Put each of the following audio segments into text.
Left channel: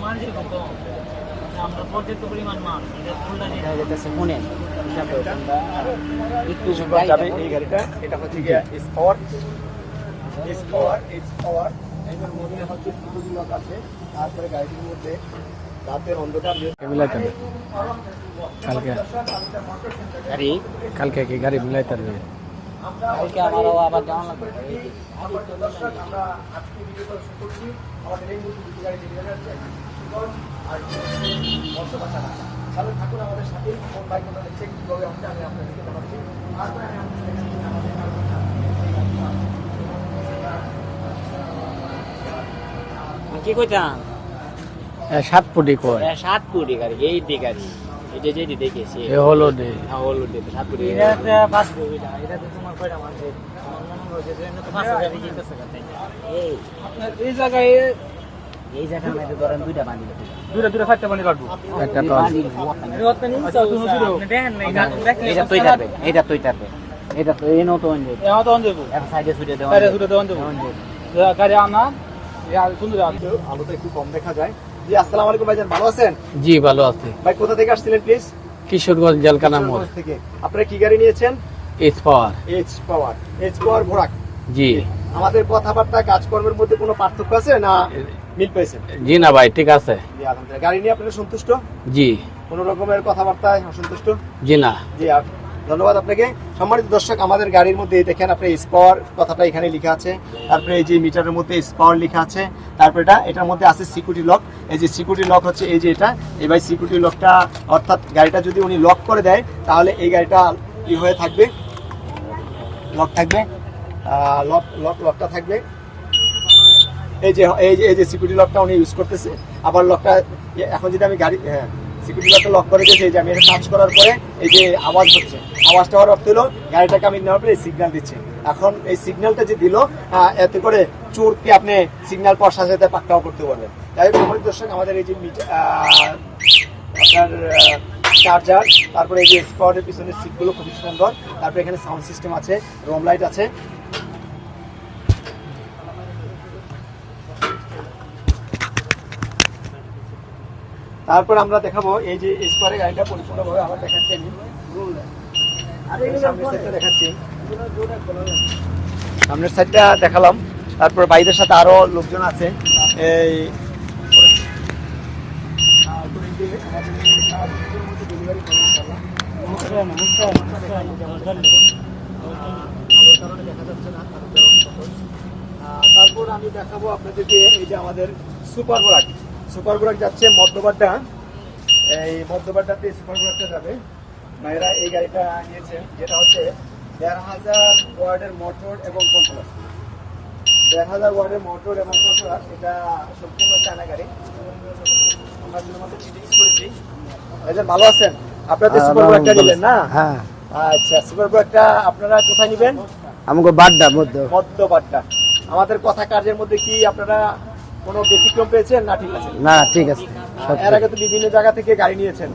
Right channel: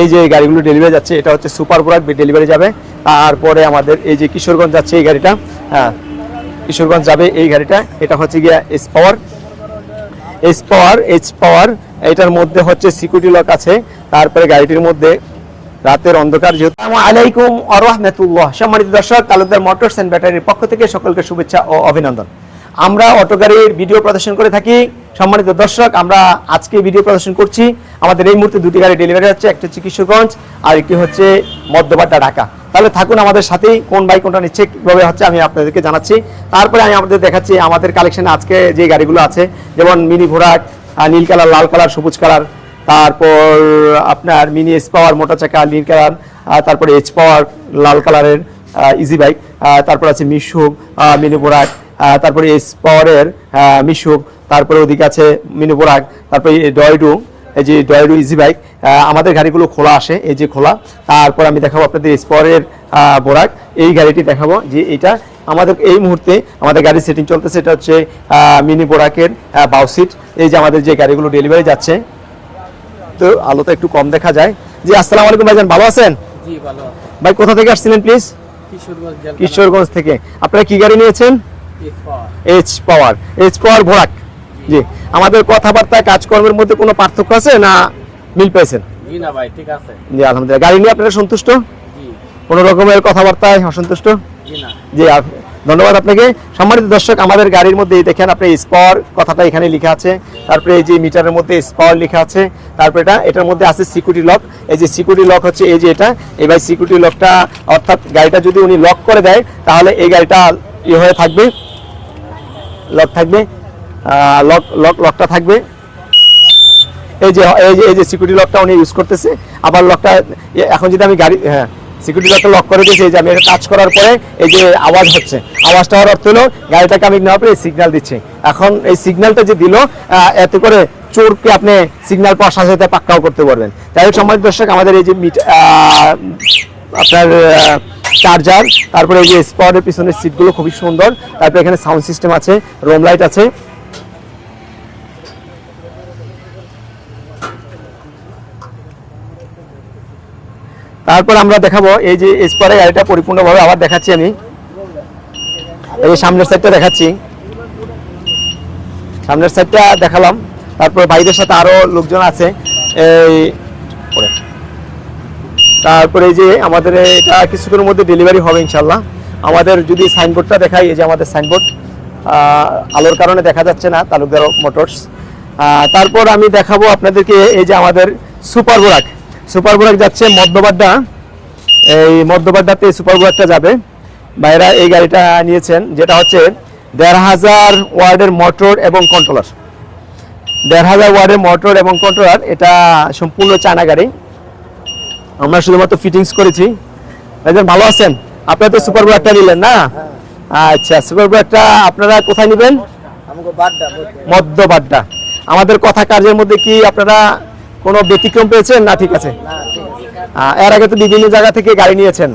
এই যে গাড়িগুলো ডেলিভারি যাচ্ছে, এটা হচ্ছে সুপার বোরাক ডেলিভারি যাবে। তারপরে আমাদের এই যে কিশোরগঞ্জ যাচ্ছে এই গাড়িটা হ্যাঁ কিশোরগঞ্জ যাবে এই গাড়িটা, এটা হচ্ছে গিয়া S power S power H power এটার মধ্যে হচ্ছে সিকিউরিটি লক আছে। তারপরে গাড়িটির মধ্যে রাতের অন্ধকার যেহেতু। আলাইকুম আ রাহমাতুল্লাহ। সম্মানিত দর্শক তালুকদার মোটরস এন্ড ব্যাটারির পক্ষ থেকে সকলকে শুভেচ্ছা ও অভিনন্দন। আমরা অটো গাড়ির ভিডিও প্রদর্শন করে থাকি। সম্মানিত দর্শক আমরা আজকে ভিডিও প্রদর্শন করছি। আমাদের এই মুহূর্তে দুটি গাড়ি ডেলিভারি হচ্ছে একটা হচ্ছে কিশোরগঞ্জ আর একটি হচ্ছে মধ্যবাড্ডা ঢাকা। তাহলে থাকুন আমাদের সাথেই কোন বাইক কোনটা নিচ্ছে কীভাবে হচ্ছে আমি আপনাদেরকে জানাচ্ছি। তারপরে আমি আপনাদের দেখাচ্ছি আমাদের কালেকশনে আজকে যে গাড়িগুলো আছে যেমন মিনি ভোরাট নীল কালার লাল কালার সবুজ কালার তারপর আপনার মিনি এস পাওয়ার মোটর চাকা নীল কালার তারপরে এইচ পাওয়ার লাল কালারের ইজি বাইক তারপর আছে মিশুক মিনি আহ, তারপরে এস পাওয়ারের মিশুক তারপরে ওদিকে আছে মিনি বোরাক তারপরে ডয়ডু এই যে ডয়ডু ইজি বাইক আমাদের গাড়িগুলো খোলা আসে এই যে খোলা। তারপর আমি দেখাবো আপনাদের স্পরের বোরাক। এই গাড়িটি দেখাবো যে এটা আমাদের এই মুহূর্তে আমাদের গাড়ি সেটিং চলতেছে এটা হচ্ছে মিনি বোরাকের বাউসিট এই যে আমাদের যে গাড়িগুলো ডেলিভারি যাচ্ছে। তো আলোটা একটু কম দেখা যায়। জি আসসালামু আলাইকুম ভাইজান ভালো আছেন? জি ভালো আছে। ভাই কোথা থেকে আসছিলেন প্লিজ কিশোরগঞ্জ কিশোরগঞ্জ থেকে। আপনারা কি গাড়ি নিয়েছেন? Power H power H power ভোরাক জি। আমাদের কথাবার্তা কাজকর্মের মধ্যে কোনো পার্থক্য আছে না মিল পেয়েছেন? জি না ভাই ঠিক আছে। জি আলহামদুলিল্লাহ। গাড়ি নিয়ে আপনারা সন্তুষ্ট? জি। কোনো রকমের কথাবার্তায় অসন্তুষ্ট? জি না। জি ধন্যবাদ আপনাকে। সম্মানিত দর্শক আমাদের গাড়ির মধ্যে দেখেন আপনি স্পাওয়ার কথাটা এখানে লেখা আছে। তারপরে এই যে মিটারের মধ্যে স্পাওয়ার লেখা আছে। তারপরে এটা এটার মধ্যে আছে সিকিউরিটি লক এই যে সিকিউরিটি লক হচ্ছে এই যে এটা। এবার সিকিউরিটি লকটা অর্থাৎ গাড়িটা যদি উনি লক করে দেয় তাহলে এই গাড়িটা ইয়ে হয়ে থাকবে। লক থাকবে। লক লক, লকটা থাকবে। এই যে এই যে এই যে সিকিউরিটি লকটা উনি ইউজ করতেছে। আবার লকটা, এখন যদি আমি গাড়ি হ্যাঁ সিকিউরিটি লকটা লক করে দিয়েছি যে আমি টাচ করার পরে এই যে আওয়াজ হচ্ছে, আওয়াজটা হওয়ার অর্থ হলো গাড়িটাকে আমি নেওয়ার পরে সিগন্যাল দিচ্ছি। এখন এই সিগন্যালটা যে দিল এত করে চোরকে আপনি সিগন্যাল পাওয়ার সাথে সাথে পাক্কাও করতে পারবেন। তাই সম্মানিত দর্শক, আমাদের এই যে আপনার চার্জার তারপরে এই যে স্পটের পিছনের সিটগুলো খুবই সুন্দর, তারপরে এখানে সাউন্ড সিস্টেম আছে রোম লাইট আছে। তারপর আমরা দেখাবো এই যে স্পরে গাড়িটা পরিপূর্ণভাবে আবার দেখাচ্ছি আমি। এই সামনের সাইডটা দেখাচ্ছি। সামনের সাইডটা দেখালাম। তারপর বাইরের সাথে আরও লোকজন আছে। এই। তারপরে যে আমাদের এটা কিছুক্ষণের মধ্যে ডেলিভারি হবে ইনশাল্লাহ আমাদের যদি সাইনবোর্ডটা দেখাই, এই যে আমাদের সাইনবোর্ড আলোর কারণে দেখা যাচ্ছে না, তালুকদার মোটরস তারপর আমি দেখাবো আপনাদেরকে এই যে আমাদের সুপার বোরাক সুপার বোরাক যাচ্ছে মধ্যবাড্ডা। এই মধ্যবাড্ডাতে সুপার বোরাকটা যাবে। ভাইরা এই গাড়িটা নিয়েছেন, যেটা হচ্ছে দেড় হাজার ওয়ার্ডের মোটর এবং কন্ট্রোলার দেড় হাজার ওয়ার্ডের মোটর এবং কন্ট্রোলার এটা সম্পূর্ণ চায়না গাড়ি। আমরা শুধুমাত্র ফিটিংস করেছি। একজন ভালো আছেন? আপনারা তো সুপার বোরাকটা নিলেন না? হ্যাঁ। আচ্ছা সুপার বোরাকটা আপনারা কোথায় নেবেন? আমাকে বাড্ডা মধ্যে মধ্যবাড্ডা আমাদের কথা কার্যের মধ্যে কি আপনারা কোনো ব্যতিক্রম পেয়েছেন? না ঠিক আছে। না ঠিক আছে। এর আগে তো বিভিন্ন জায়গা থেকে গাড়ি নিয়েছেন।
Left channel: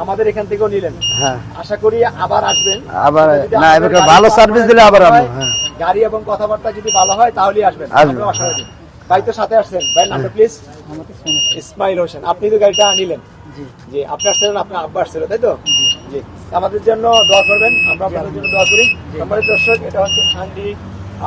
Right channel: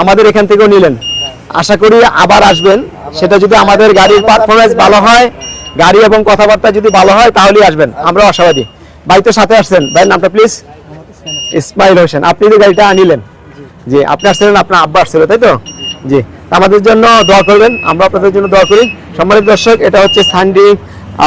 আমাদের এখান থেকেও নিলেন। হ্যাঁ। আশা করি আবার আসবেন। সেটা যদি হ্যাঁ, আমাদের গাড়ির ভালো পারফরমেন্স ভালো হয়। হ্যাঁ। গাড়ি এবং কথাবার্তা যদি ভালো হয় তাহলেই আসবেন। আমরা আশাবাদী ভাই তো সাথে আসছেন। ভাইয়ের নামটা প্লিজ ইসমাইল হোসেন আপনি যে গাড়িটা নিলেন জি। আপনি আসছিলেন আপনার আব্বা আসছিল তাই তো? জি। আমাদের জন্য দোয়া করবেন আমরা আপনাদের জন্য দোয়া করি। সম্মানিত দর্শক এটা হচ্ছে সানডি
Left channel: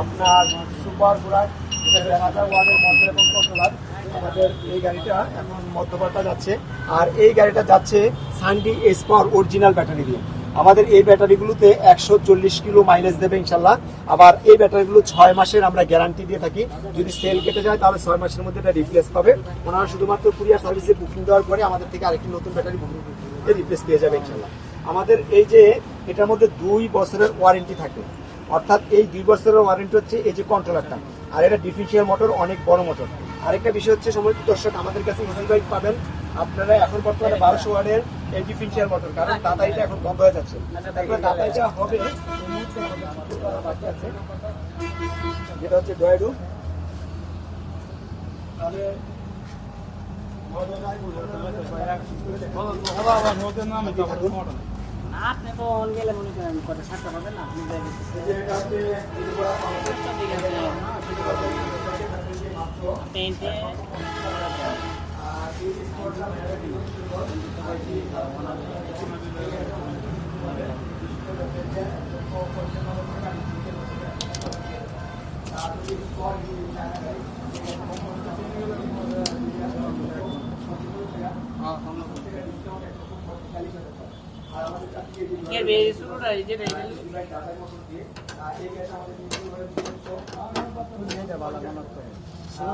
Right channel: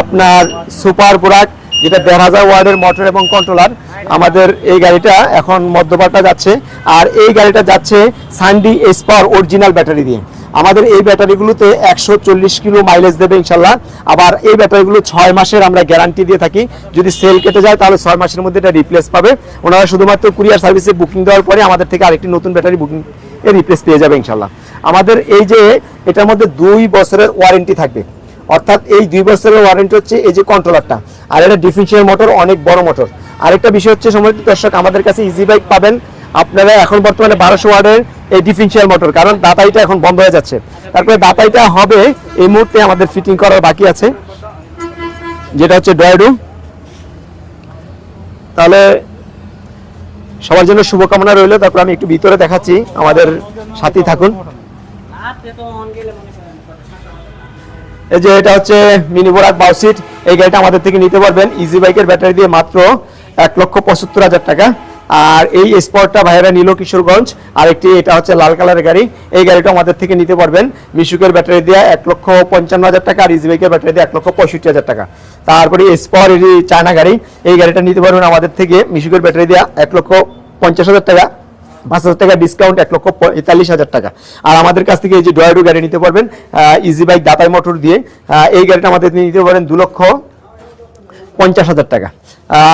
আপনার সুপার বোরাক যেটা দেড় হাজার ওয়ার্ডের মোটর এবং কন্ট্রোলার। আমাদের এই গাড়িটা এখন মধ্যপাটা যাচ্ছে আর এই গাড়িটা যাচ্ছে সানডি এসপার অরিজিনাল ব্যাটারি দিয়ে। আমাদের এই ব্যাটারিগুলোতে একশো চল্লিশ কিলো মাইলেজ দেবে ইনশাল্লাহ। আবার এই ব্যাটারিগুলো ছয় মাসের আমরা গ্যারান্টি দিয়ে থাকি। যদি সেল কেটে যায়, তাহলে ছয় মাসের মধ্যে এটা রিপ্লেস পাবে। ওনারা শুধুমাত্র কুরিয়ার সার্ভিসে বুকিং দেওয়ার পরে আমাদের থেকে আরেকটি নতুন ব্যাটারি বুকিং এর রিপ্লেস পেয়ে যাবে ইনশাল্লাহ। আমাদের এই যে, এটার মধ্যে দুই বছরের ওয়ারেন্টি থাকবে। অর্থাৎ এই দুই বছরের ওয়ারেন্টি হচ্ছে এই যে কন্ট্রোলারটা আর এটা ডিফারেন্সিয়াল মোটর অনেক বড় মোটর আরেকটা বিষয় হচ্ছে সময় দর্শক, আমাদের কাছে ইজি বাইক পাবেন। আপনারা এখন বর্তমানে বারোশো ওয়ার্ডের এই ডিফারেন্সিয়াল মোটর কারণ দাতাইটা এখন বন্ধ হয়ে যাচ্ছে। তারপরে দাতাইটা হবে এই মুহূর্তে আমাদের ফিটিং করার বাকি আছে। যেটা হচ্ছে ডয়েডু তাহলে সবার জন্য শুভকামনা রইল। তারপর আমি একটু ভিতরে দেখাচ্ছি। আমাদের সাথী থাকুন। এই যে এটা হচ্ছে মিনি বোরাক বাউসিট এই গাড়িটা আমাদের থেকে নিতে পারবেন। ইজি বাইকের ব্যাটারি দিয়ে মাত্র এক লক্ষ পঁচাত্তর হাজার টাকা। আর এই স্পটটা ভাইয়েরা নিল কিশোরগঞ্জ, আর একটি এটা হচ্ছে লাল কালারের গাড়ি। এই গাড়িটা আমাদের থেকে নিতে পারবেন। মিশুকের ব্যাটারি দিয়ে এক লক্ষ পঞ্চান্ন হাজার টাকা, আর ইজিবাইকের ব্যাটারি দিয়ে এক লক্ষ পঁয়ষট্টি হাজার টাকা। তারপরে স্পর এই চায়না গাড়ি, এই গাড়িটা নিতে পারবেন আমাদের থেকে। মিশুকের ব্যাটারি দিয়ে এক লক্ষ পঞ্চাশ হাজার টাকা, পাঁচ হাজার টাকা ডিসকাউন্ট এক লক্ষ পঁয়তাল্লিশ হাজার টাকা। আর আমাদের কাছ থেকে এই যে ডয়ারু গাড়ি নিতে পারবেন ইজি বাইক দাতাই মোটর দিয়ে। এই গাড়িটা আমাদের নিতে পারেন দু লক্ষ পঞ্চাশ হাজার টাকা।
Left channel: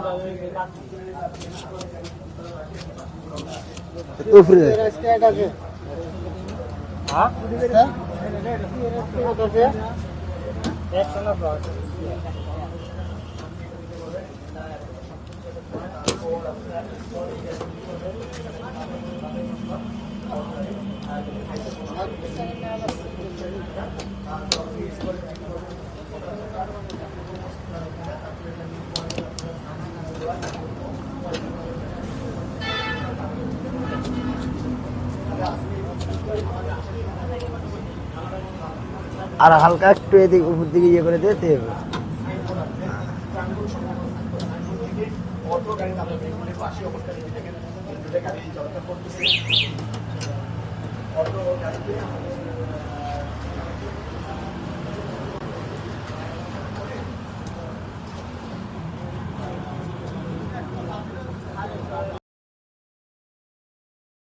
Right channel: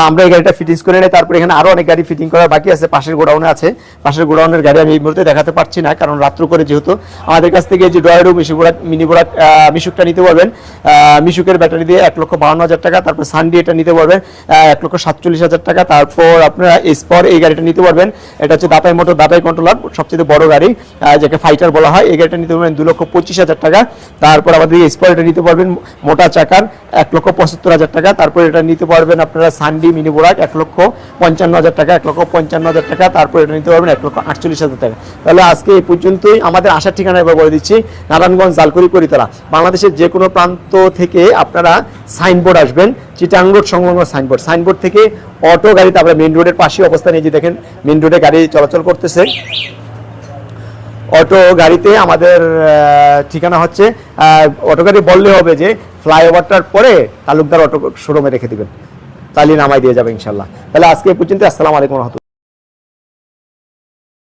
আমরা এই গাড়িটা ফিটিংস করে নিই, তারপরে এখানে আরও অনেক গাড়ি ফিটিং করা বাকি আছে, পাশের গোডাউনে আছে। পাশের গোডাউনের গাড়ি আমি এই মুহূর্তে দেখাতে পারছি না, কারণ রাত্র করে যেহেতু আমাদের কাছ থেকে যে ডয়ারু মিশুপুরাত মিনি বোরাট মিশুকটা নিতে পারবেন। মিশুকের ব্যাটারি দিয়ে এক লক্ষ বাউন্ন হাজার টাকা, তারপর সানডি এটা নিতে পারবেন এক লক্ষ সাতচল্লিশ হাজার টাকা। তারপর আপনারা স্পর এই গাড়িটা নিতে পারবেন। এটা হচ্ছে দাতাই মোটর, দাতাই কন্ট্রোলার সবচেয়ে বড় গাড়ি যাকে ফাইটার বলা হয়। এই গাড়িটা নিতে পারবেন দু লক্ষ পঁচিশ হাজার টাকা। তারপর আমাদের স্পর এটা নিতে পারবেন মোটা চাকার এক লক্ষ পঁচাত্তর হাজার টাকা। তারপর এটা নিতে পারবেন আপনারা সানডি মিনি বোরাক এক লক্ষ পঞ্চান্ন হাজার টাকা এক লক্ষ পঞ্চান্ন হাজার টাকা তারপর এটা নিতে পারবেন এক লক্ষ আটচল্লিশ হাজার টাকা। তাহলে আজকে এই পর্যন্তই আমাদের আসার ঠিকানা এবার বলে দিচ্ছি নারায়ণগঞ্জ জালকুড়ি করিতলা। বাংলাদেশের যে কোনো প্রান্ত থেকে আপনারা সাইনবোর্ড আসবেন চিটাং রোড সংলগ্ন সাইনবোর্ড। সাইনবোর্ড থেকে অটো গাড়িতে আমরা মেইন রোডের পাশে অবস্থান এই যে দেখেন মেন রোডে গাড়ি চলাচল করতেছে। অটো গাড়িতে আমাদের ঠিকানা হচ্ছে আহ, অটো গাড়ি বললে হবে যে ফ্লাইওভারটার পরে তালুকদার অটো শোরুমে রেখে দিবেন। তাহলে নামাই দিয়ে যাবে ইনশাল্লাহ তাহলে আজকে পর্যন্ত আসসালামু আলাইকুম রহমতুল্লাহ।